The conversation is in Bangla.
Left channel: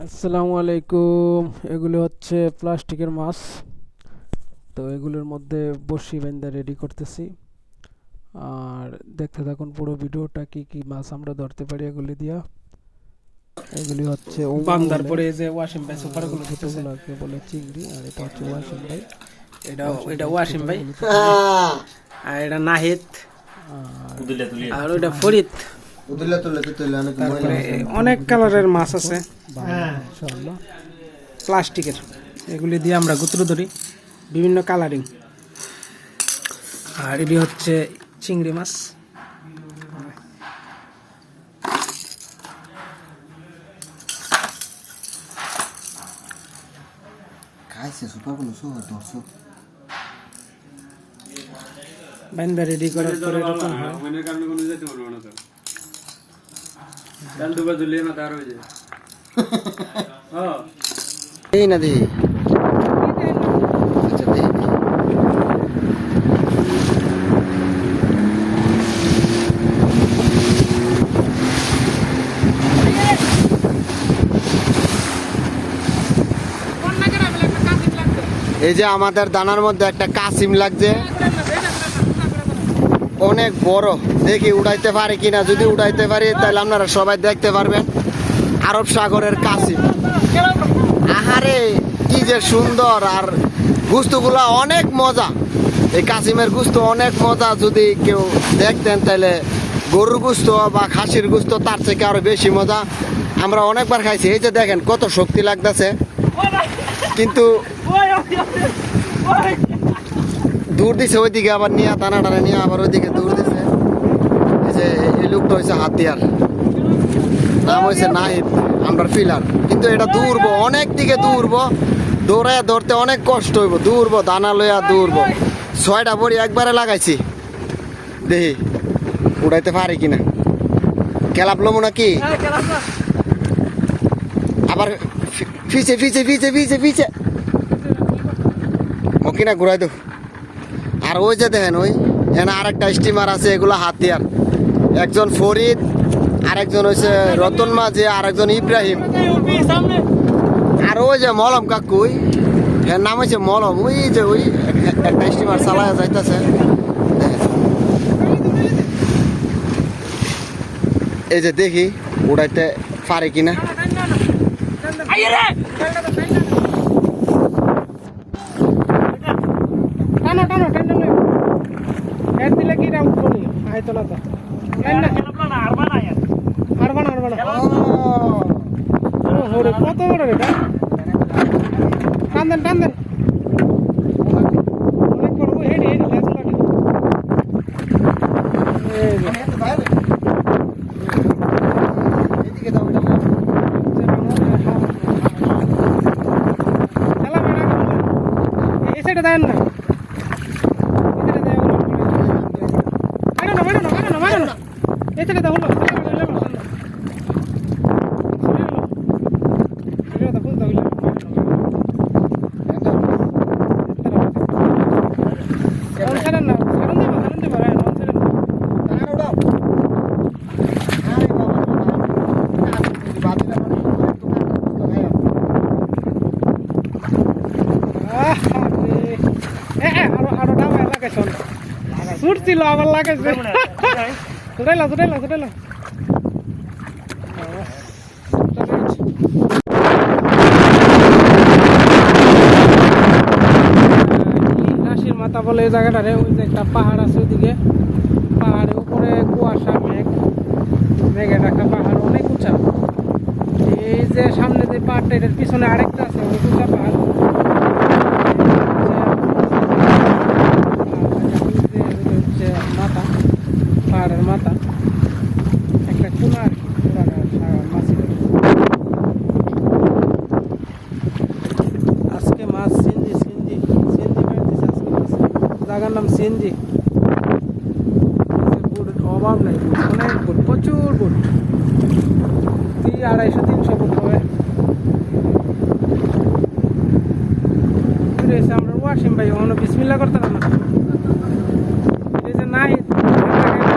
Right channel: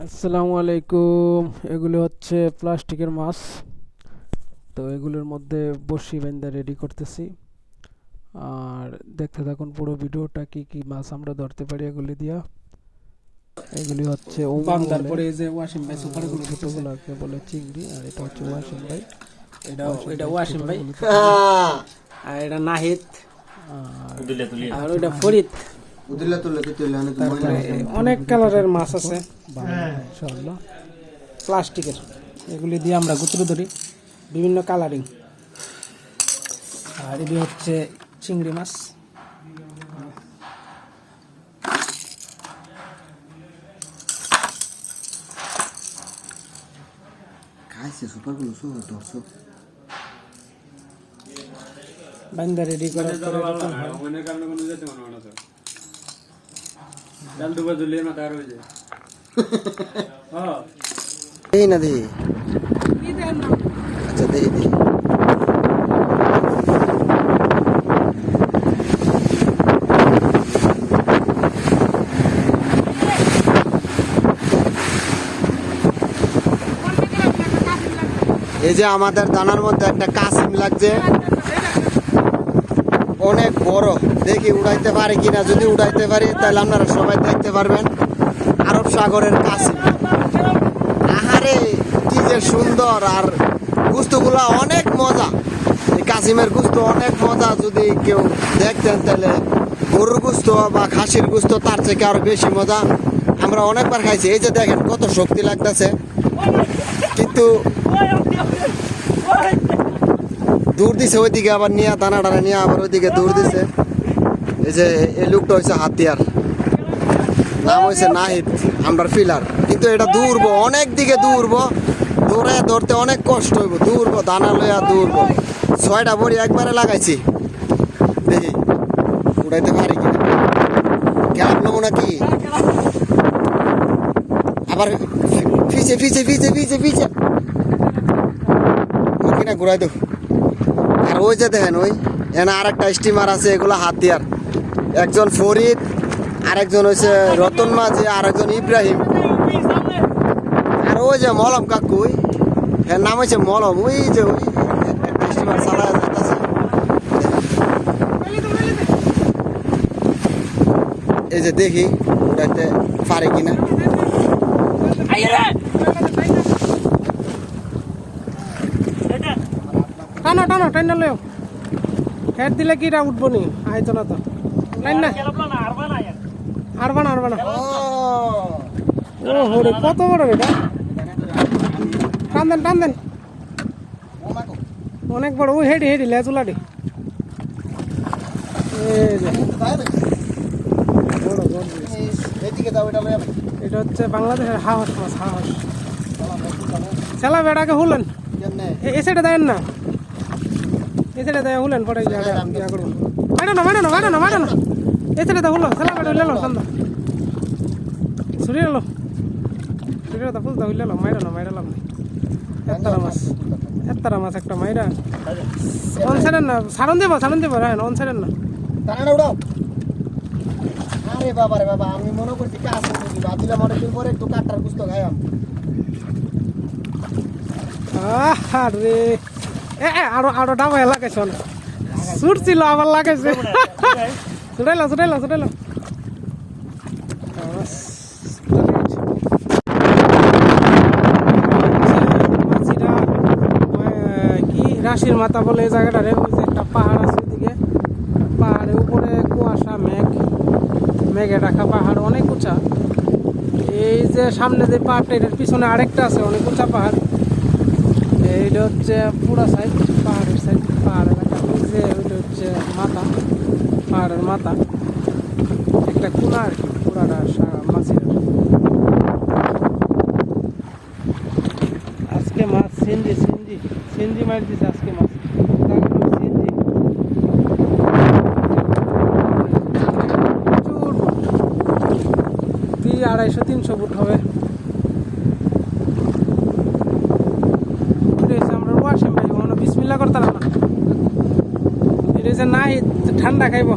আসসালামু আলাইকুম। এগুলো হচ্ছে প্লাস্টিকের মাছ। তো এগুলোর মধ্যে বড়শি বান্ধা রেডি করতেছি। আর দেখতে থাকুন পুরো ভিডিওটা, কি কি মাছ আমরা ধরতে পারি এগুলি দিয়া। এগুলি হচ্ছে বান্দার পরে এই যে ওয়াসিম ভাই সুপার গুলো দিতেছে। ছোটগুলোকে বলে চিংড়ি, আর এটা হচ্ছে ওয়াসিম ভাই। এটা ওয়াসিম ভাই, আর এটা নাহিদ, আর ওটা ফরিদ। তারপরে অনেক কালারের মাছ আছে ইনশাআল্লাহ প্লাস্টিকের, এগুলি দিয়ে আমরা গুতরু ধরি বিভিন্ন কালারিং। আর এটি হচ্ছে চিংড়ি মাছ। বান্দা রেডি করার পরে এরকম হয়। এই না দেখি, আচ্ছা দেখি দেখি। এই যে আমাদের দানার মধ্যে একটা কাসিম লাগছে, অনেক বড়। দেখি উড়াইতে পারি কিনা, যদি উড়াইতে পারি তাহলে আপনারা সবাই দেখতে পারবেন। আরব সাগরের কাসিম, আহারে কি যে সুন্দর, আর গুস্তগুলা অনেক মজা। এই কাসিমের গুস্ত অনেক মজা, যদি কেউ দেখতেন তাহলে গরুর গুস্ত বা খাসির গুস্ত তার থেকে আরো বেশি মজা। আমরা অনেকবার খাইছি। এই যে দেখেন কত শক্তি লাগতেছে, কিন্তু দূর দিছে ওইদিকে, আবার নিয়ে দানা টানা নিয়ে আবার ওইদিকে দূর দিছে। এই যে এই লোকটা হয়েছে হাতিয়ার, নাম হয়েছে নাহিদ, আমরা ফিলার। কিন্তু এটা দূরবো, অনেক দিকে দূরবো, দৌড়ায় ধরতে অনেক কষ্ট হইব। দূরবো, দানা লইয়া দূরবো। 6টা বড়ি একবারে লাগাইছি, দেখি উড়াইতে পারি কিনা। খেলাপ লমো নাকি, আবার ফিচে ফিচে ফিচে ফিচে ফিচে মকিনা ঘুরাই দো। আর ওই যে দেখেন, ওই এখানে আরেকটা স্টিমার আছে, এগুলো হাতিয়ার। একজন ফরিদ, আরেকজন হয়েছে রতন মাঝি, আরেকজন ইব্রাহিম। আর ওই যে মলম কাকু, এর নাম হয়েছে মলম। ওই যে ওই একটা স্টিমার চালায় যাইতেছে। এই যে দেখি উড়াইতে পারে কিনা। টানো টানো টানো লে, হেড দিলে কি রাউন্ড উঠবো নি, আইতো না তো। লাইন না হারবানা হারবানা। ও হোরে কত বড় এটা, টান দেন টান দেন, অনেক বড়। ওই হেডি হেডি লেজুলাটি। এটা হচ্ছে বাংলাদেশের হাউস মাছ, হাউস। ছেলা বেড়াকে হলেন এই সাইডে দেন না, এই সাইডে দেয় হলেন পরে মারো না মারো না মারো না মারো না। এই সাইডে হলো ছেলা বেড়া হইল ঠান্ডা ছুরি হলো, ছুরি তো ফুলটা হইল। মারো না মারো না, একটা মাছ একটা মাইরা অন ছাড়েন না, ছাড়ন দেবো রায় অন ছাড়েন না। আরে বাবা রে বাবা, আমি মনে করছি কাছে বাদিরা মনে করে একটু কাটার পুস্তক খাই। আরে আরো আরো ডাবা লাগাইছ, ছুটছিল আবার লাগাইছে। ছুটাইলা ছুটাইলা ছুটাইলা। কি রাশির মাথা বলে এই জায়গাটারে। ওই যে একটা পাহাড় আছে ওইদিকে, পাহাড়ের উপরে কুয়াশা, মেঘে ঢাকা পাহাড়, অনেক উঁচা। এই যে সামনে যে পাহাড়টা, এটার পিছনে আরেকটা আছে অনেক উঁচা পাহাড়। এই হচ্ছে পুরা সাইড পাহাড়, নিচে ওইটা হচ্ছে মাথা, পাহাড়ের মাথা, একটা কোনা আর কি, পুরাটা মাছের। আজকে মাছ সিন্দি সিন্দি সিন্দি মাছ দিচ্ছে আজকে মাছ। জায়গার নাম সিন্দি। অভাব নেই, মানে প্রচুর বুট, 250-300 ফুট হবে। আমরা ওয়াসিম ভাই বিসমিল্লাহ করতাম না, এটা যে নাই ঠান্ডা খাইব।